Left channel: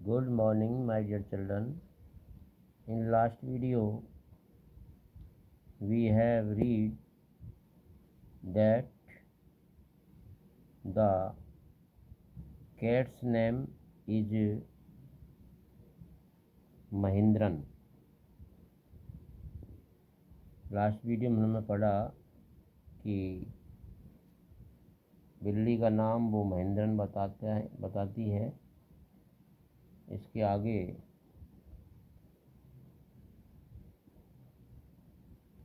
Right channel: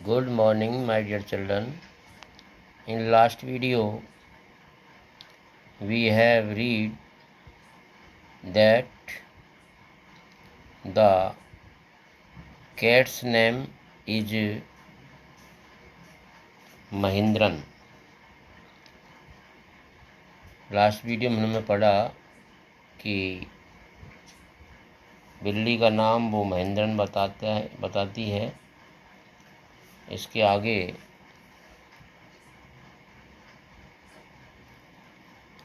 Good morning, my dear children. In last video, we have read that the cat's name is Mahindran. Last video में हमने पढ़ा कि बिल्ली का नाम वो महेंद्रन बताती है। इसके आगे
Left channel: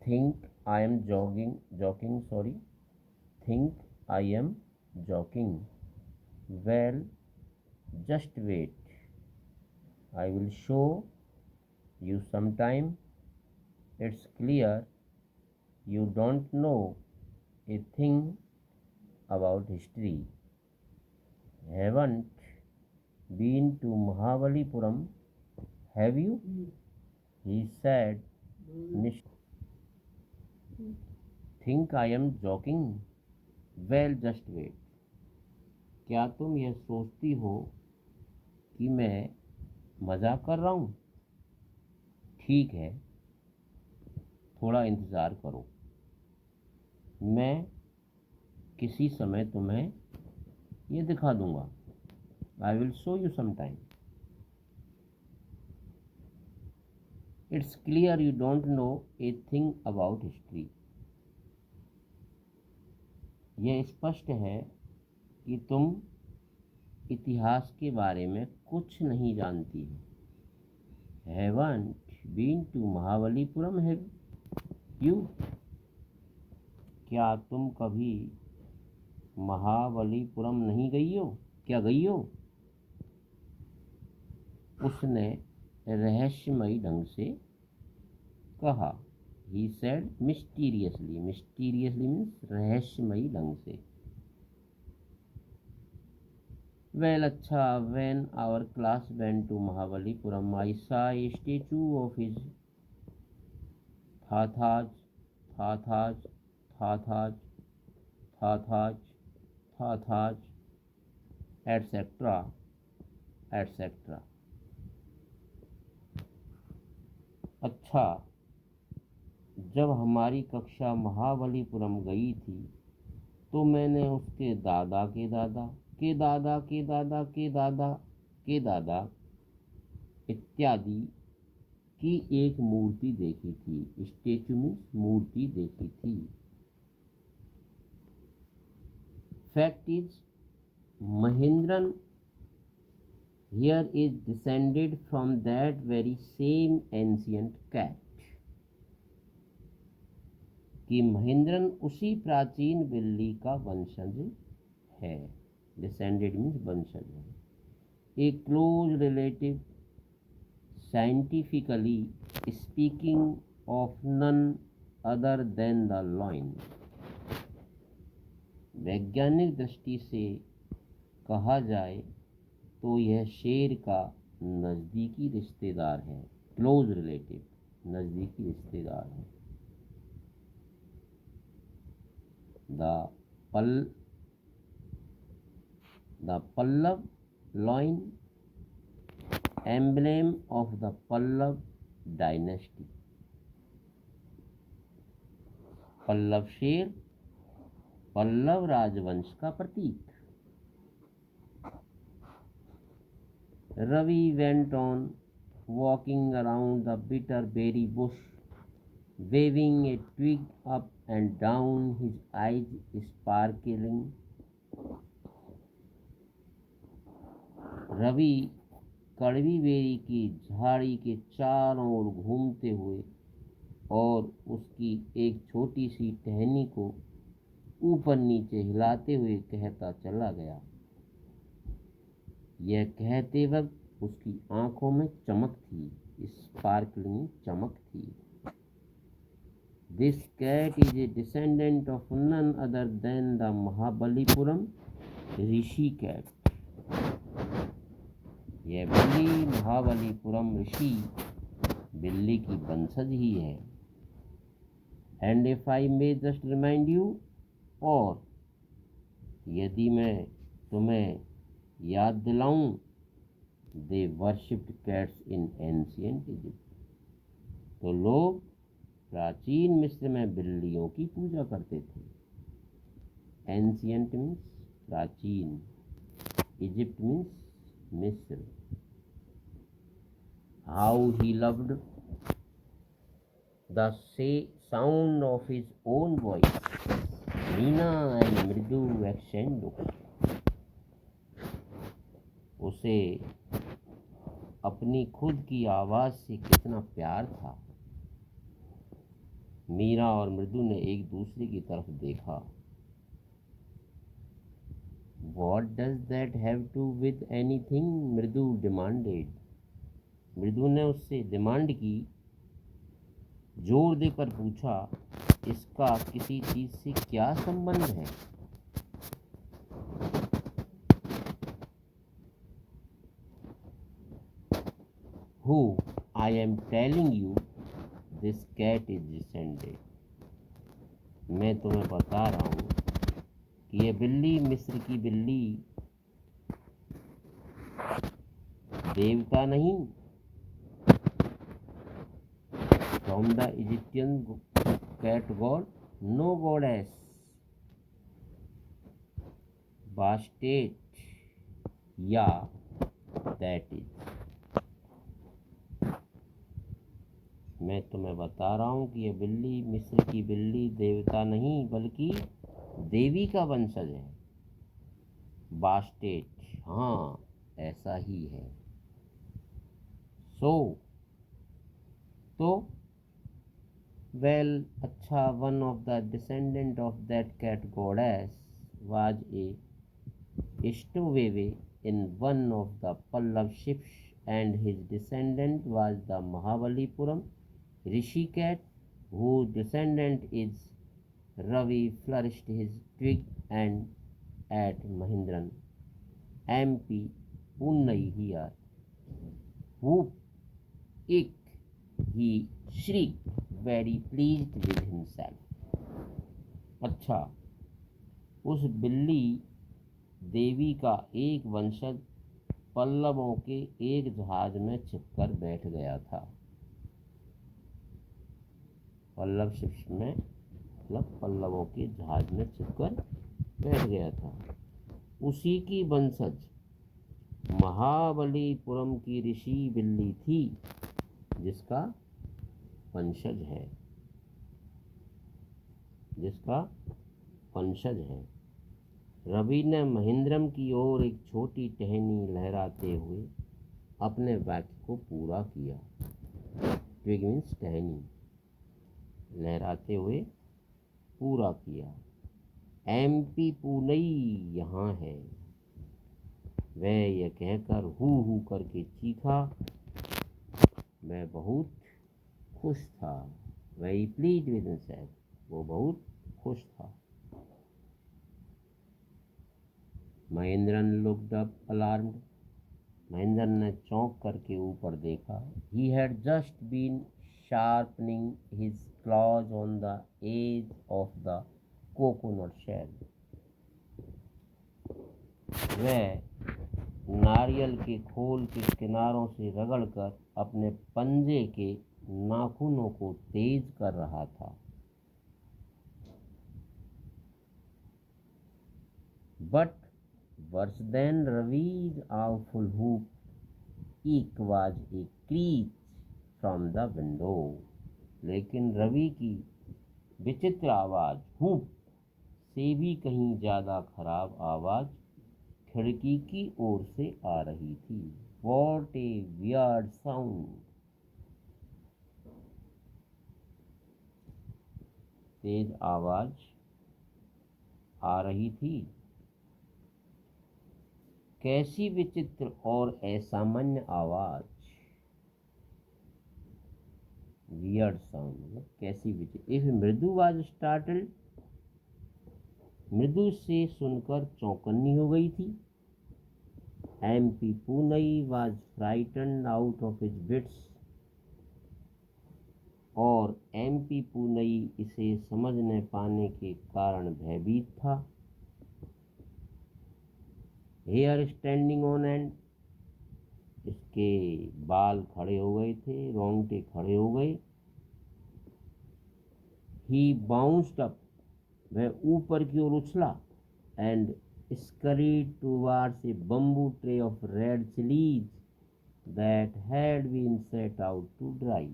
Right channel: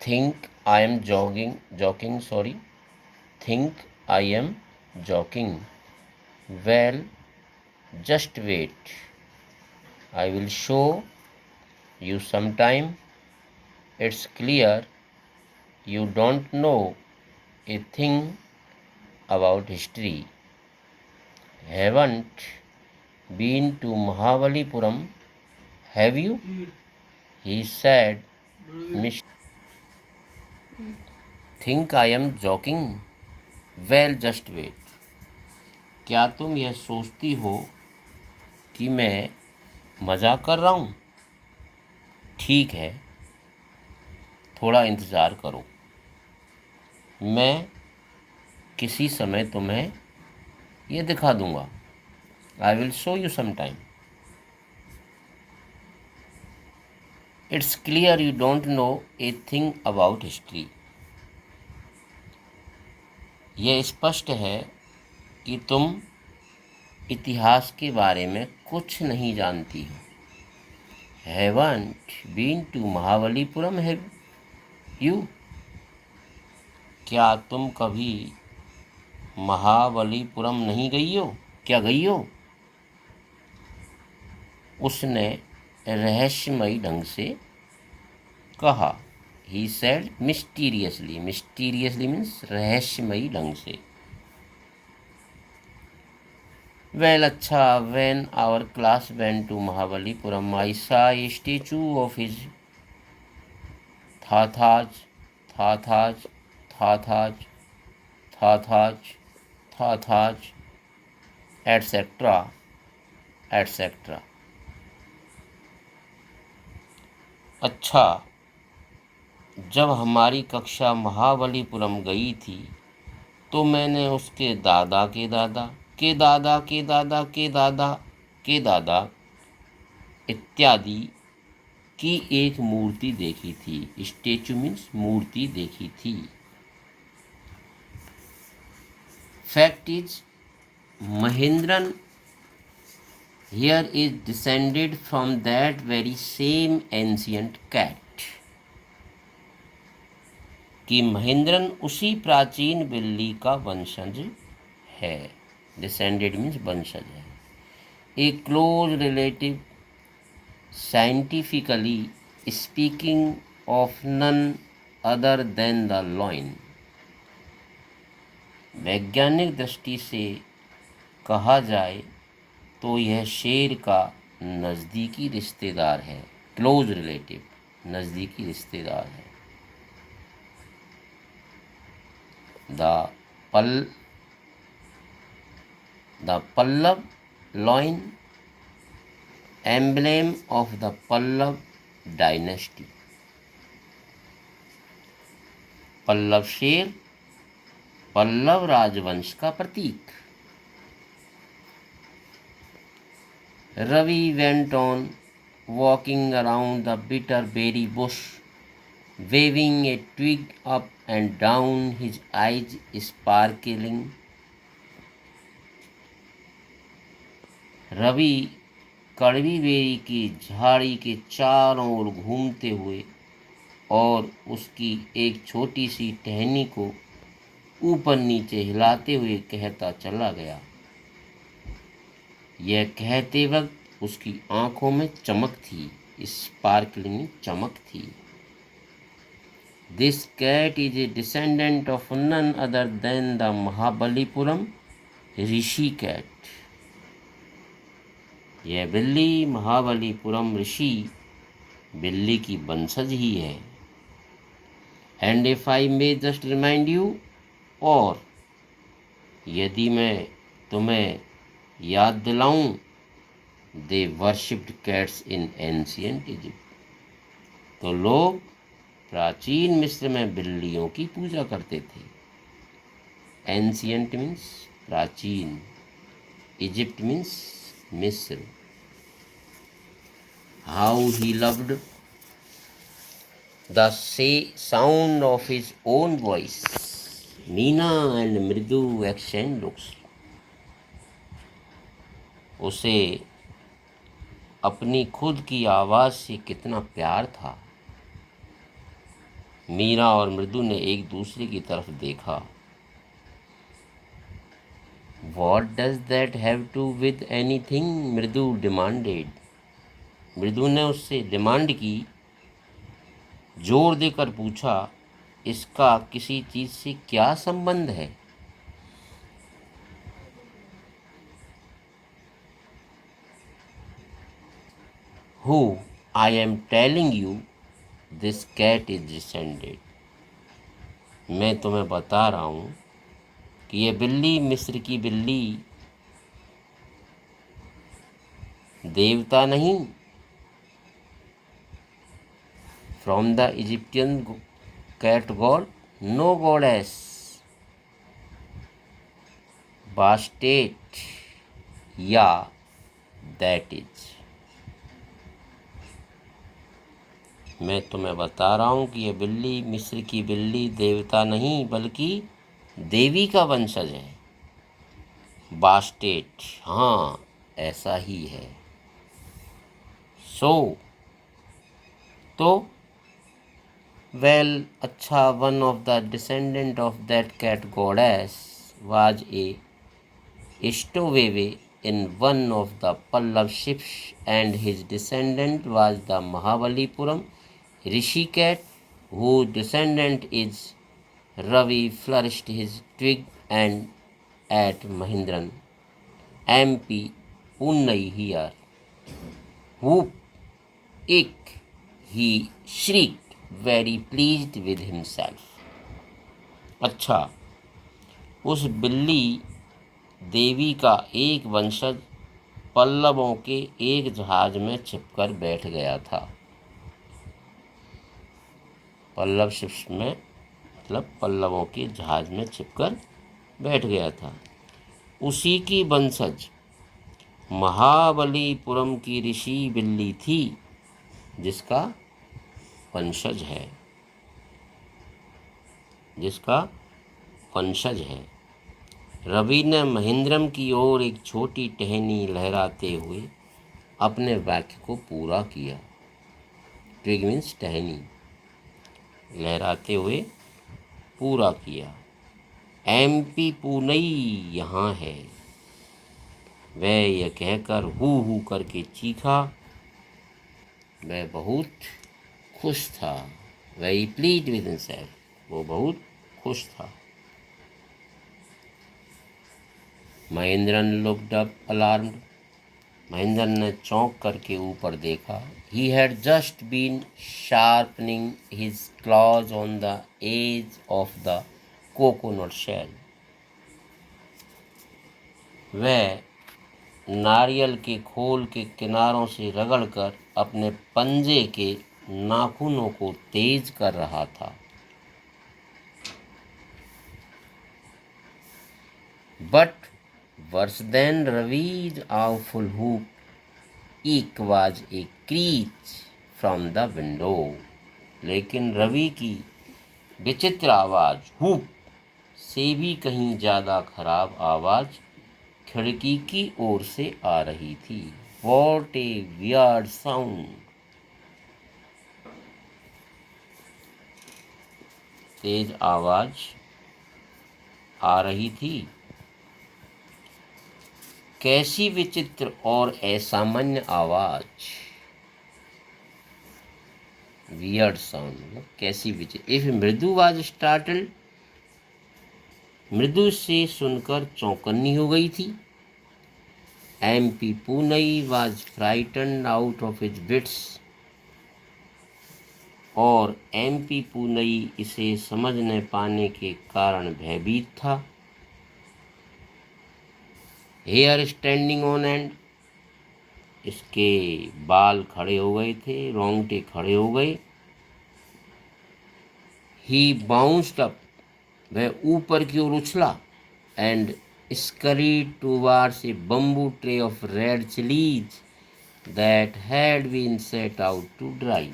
think I am joking think I am joking well just wait I will show you sometime. It's clear you don't know a thing about history. Haven't been to Mahabalipuram, have you? He said, Miss. Think I am joking? Well, just wait. क्या तुम यह सोचती हो कि मैं मजाक कर रहा हूँ? ठीक है, थोड़ा इंतज़ार करो, मैं किसी समय तुम्हें ये दिखा दूंगा। I will show you some time. It's clear you don't know a thing about history. यह स्पष्ट है कि तुम इतिहास के बारे में कुछ नहीं जानती हो। Haven't been to Mahabalipuram have you? क्या तुम कभी महाबलीपुरम नहीं गई हो? क्या गई हो? उसने रहस्यमयी ढंग से कहा। ही सेड मिस्टीरियसली मीन्स रहस्यमयी ढंग से। वेल, अच्छा, when our class went to Mahabalipuram I saw a statue of his thatha's thatha's thatha's thatha's thatha's etcetera etcetera. अच्छा, जब हमारी कक्षा महाबलीपुरम गई थी तो मैंने उसके दादा के दादा के दादा के दादा के दादा के दादा इत्यादि की एक मूर्ति देखी थी। स्टेचू मीन्स मूर्ति देखी थी। Fact is Mahendran here is descended from that very same ancient cat। कि महेंद्रन उसी प्राचीन बिल्ली का वंशज है। डिसेंडेड मीन्स वंशज है। A close relative, scientifically speaking of none other than the lion. वैज्ञानिक दृष्टि से कहा जाए तो यह शेर का नज़दीकी रिश्तेदार है। क्लोज रिलेटिव, नज़दीकी रिश्तेदार है। The Pallava lion, emblem of the Pallava dynasty. Pallava शेर पल्लव राजवंश का प्रतीक। Ravi went on walking around the bitter berry bush, waving a twig up and down, his eyes sparkling. Ravi कड़वी बेरी की झाड़ी के चारों ओर घूमते हुए और उसकी एक छोटी सी टहनी को ऊपर नीचे हिलाते हुए कहता चला गया। यह कहते वक्त उसकी आंखों में चमक थी। स्पार्कलिंग, चमक थी। This cat is a descendant of none other than the Mahabalipuram Rishi cat. यह बिल्ली महाबलीपुरम ऋषि बिल्ली की वंशज ही है। And if I may just remind you, और यदि मैं तुम्हें याद दिलाऊं they worshipped cats in ancient Egypt. तो लोग प्राचीन मिस्र में बिल्लियों की पूजा करते थे। एंशियंट मीन्स प्राचीन, इजिप्ट मीन्स मिस्र। How he loved the sound of his own voice, Meena and मृदु एक्सचेंज लुक्स। उसे अपनी खुद की आवाज़ से कितना प्यार था। मीरा और मृदु ने एक दूसरे की तरफ देखा। What does that have to with anything? मृदु डिमांडेड। मृदु ने उससे डिमांड की, जोर देकर पूछा, इसका किसी चीज से क्या संबंध है? Who? I am telling you, this cat is descended. मैं तुम्हें बता रहा हूँ कि ये बिल्ली, मिस्र की बिल्ली, देवता नहीं, from the Egyptian cat god, no goddess, Bastet या दैट इज। मैं तुम्हें बता रहा हूँ कि ये बिल्ली, मिस्र की बिल्ली, देवता नहीं बल्कि देवी का वंशज है। बास्टेट, हाँ ऐसा ही है। सो तो वेल, अच्छा, one of the descendant of that cat goddess was a stowaway in one of the Pallava ships and his descendant was the Mahabalipuram Rishi cat, whose descendant is Ravi, flourished his twig and at Mahindran, MP, Pune here. Whoop, ick, he shrieked, very pleased with himself. अच्छा, उस बिल्ली देवी का एक वंशज पल्लवों के एक जहाज में छिपकर बैठ गया था। पल्लव शिप्स में मतलब पल्लवों के जहाज में छिपकर बैठ गया था। उसी की वंशज महाबलीपुरम की ऋषि बिल्ली थी, जिसका वंशज है, रवि ने महेंद्रम की ओर एक छोटी टहनी लहराते हुए अपने वाक्य को पूरा किया। ट्विग मीन्स टहनी, लहराते हुए पूरा किया। MP पूनई यहाँ है। वह यह कहकर हू करके चीखा। वह बहुत खुश था। वेरी प्लीज्ड विद हिमसेल्फ, वो बहुत खुश था। Mahendran looked up alarmed, Mahendra ने चौंक करके ऊपर देखा। He had just been sharpening his claws on the edge of the coconut shell. वह नारियल के खोल के किनारों से रगड़कर अपने पंजे के नाखूनों को तेज कर रहा था। But worse than Ravi's awful hook ईक was a crèche from the window. लेकिन रवि की विचित्र आवाज हुक से भी कहीं ज्यादा खराब आवाज खिड़की की ओर से आ रही थी। What a weird sound. तेज आवाज आ रही थी। कैसी विचित्र और असामान्य आवाज। वियर्ड साउंड, कैसी विचित्र। इफ मृदु वाज स्टार्टल्ड, मृदु से सुनकर चौकन्नी हो गई थी। MP Poonai was frightened out of his wits, और MP पूनई इसे समझ न पाने के कारण भयभीत था। हेयर स्टैंडिंग ऑन एंड, इसके बाल खड़े हो गए थे, रोंगटे खड़े हो गए। ही बाउंस्ड अप, वह ऊपर की ओर उछला। And scurried towards a bamboo tray of red chilies that had been set out to dry.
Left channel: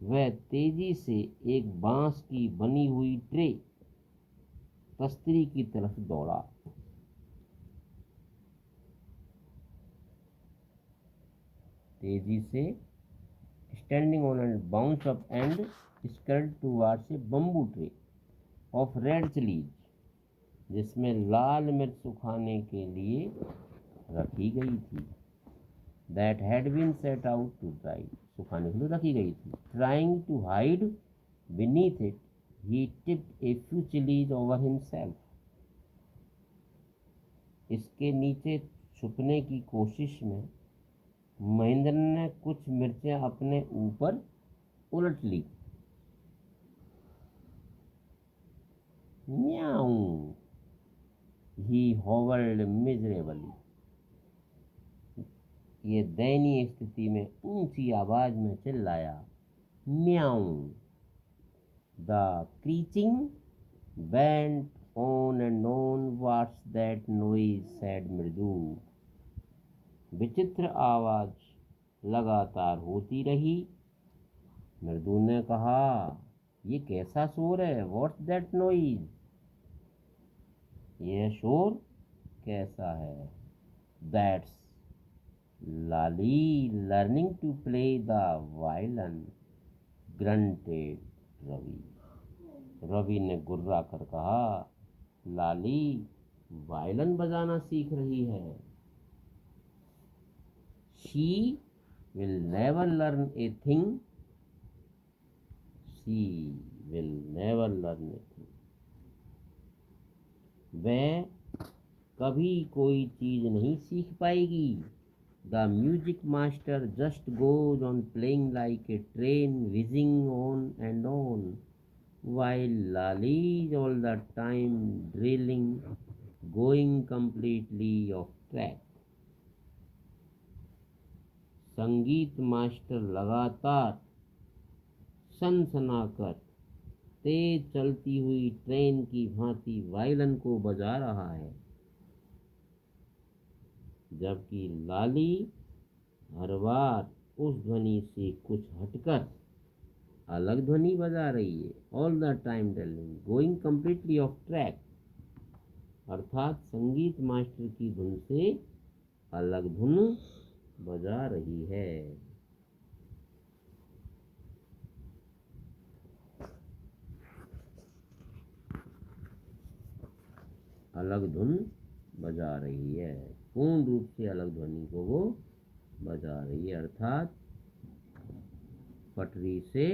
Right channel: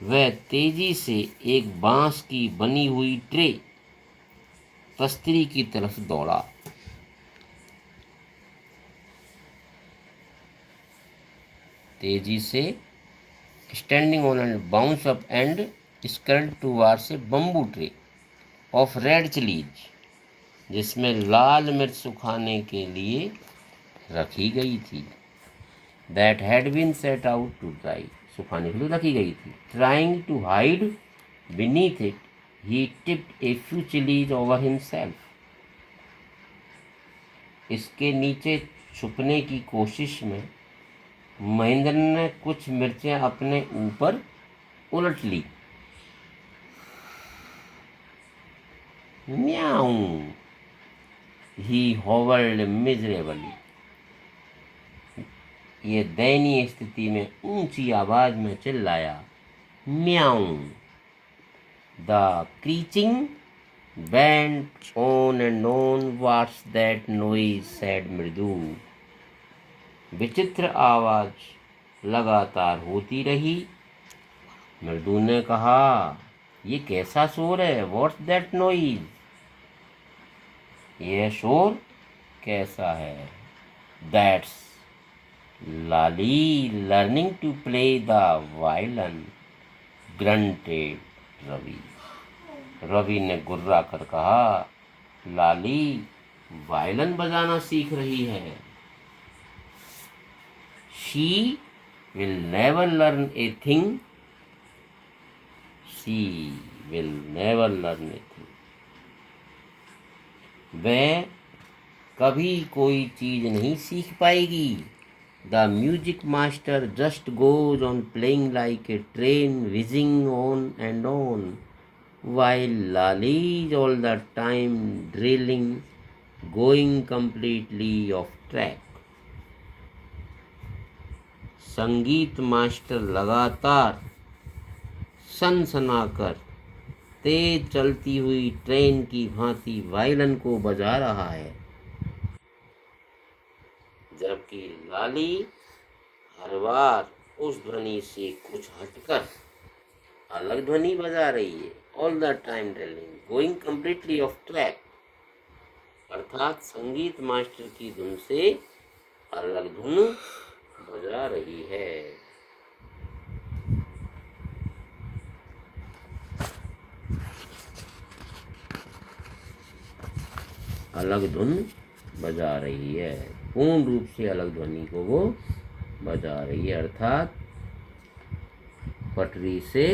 वह तेजी से एक बांस की बनी हुई ट्रे तस्तरी की तरफ दौड़ा। तेजी से standing on end bounce up and scurried towards a bamboo tray of red chillies, जिसमें लाल मिर्च सुखाने के लिए रखी गई थी। That had been set out to dry, सुखाने के लिए रखी गई थी। Trying to hide beneath it he tipped a few chillies over himself, इसके नीचे छुपने की कोशिश में महेंद्र ने कुछ मिर्चें अपने ऊपर उलट ली। म्याऊ, ही होवर्ड मिजरेबली, ये दयनीय स्थिति में ऊंची आवाज में चिल्लाया। म्याऊ। The screeching went on and on. What's that noise? said मृदु। विचित्र आवाज लगातार होती रही। मृदु ने कहा, ये कैसा शोर है? What's that noise? यह शोर कैसा है? That's Lali learning to play the violin, grunted Ravi. Ravi ने गुर्रा कर कहा, लाली वायलिन बजाना सीख रही है। She will never learn a thing, she will never learn a thing, वह कभी कोई चीज नहीं सीख पाएगी। The music master just goes on playing like a train whizzing on and on, while Lali is all the time drilling, going completely off track. संगीत master लगातार सनसनाकर तेज चलती हुई ट्रेन की भांति वायलिन को बजा रहा है, जबकि लाली हर बार उस ध्वनि से कुछ हटकर अलग ध्वनि बजा रही है। All the time drilling, going completely of track, अर्थात संगीत मास्टर की धुन से अलग धुन बजा रही है। अलग धुन बजा रही है, पूर्ण रूप से अलग ध्वनि को वो बजा रही है, अर्थात पटरी से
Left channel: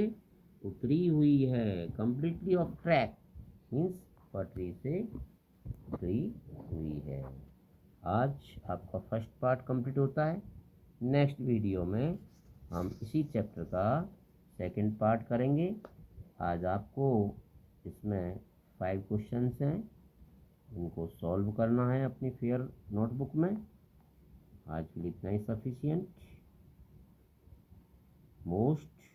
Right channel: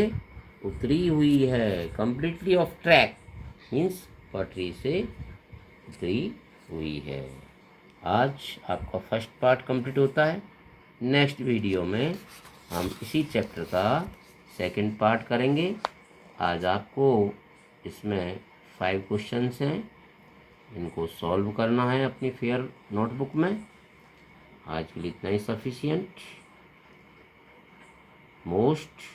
उतरी हुई है। कंप्लीटली ऑफ ट्रैक मीन्स पटरी से उतरी हुई है। आज आपका फर्स्ट पार्ट कंप्लीट होता है। नेक्स्ट वीडियो में हम इसी चैप्टर का सेकंड पार्ट करेंगे। आज आपको इसमें 5 क्वेश्चंस हैं, इनको सॉल्व करना है अपनी फेयर नोटबुक में। आज के लिए इतना ही सफिशिएंट। मोस्ट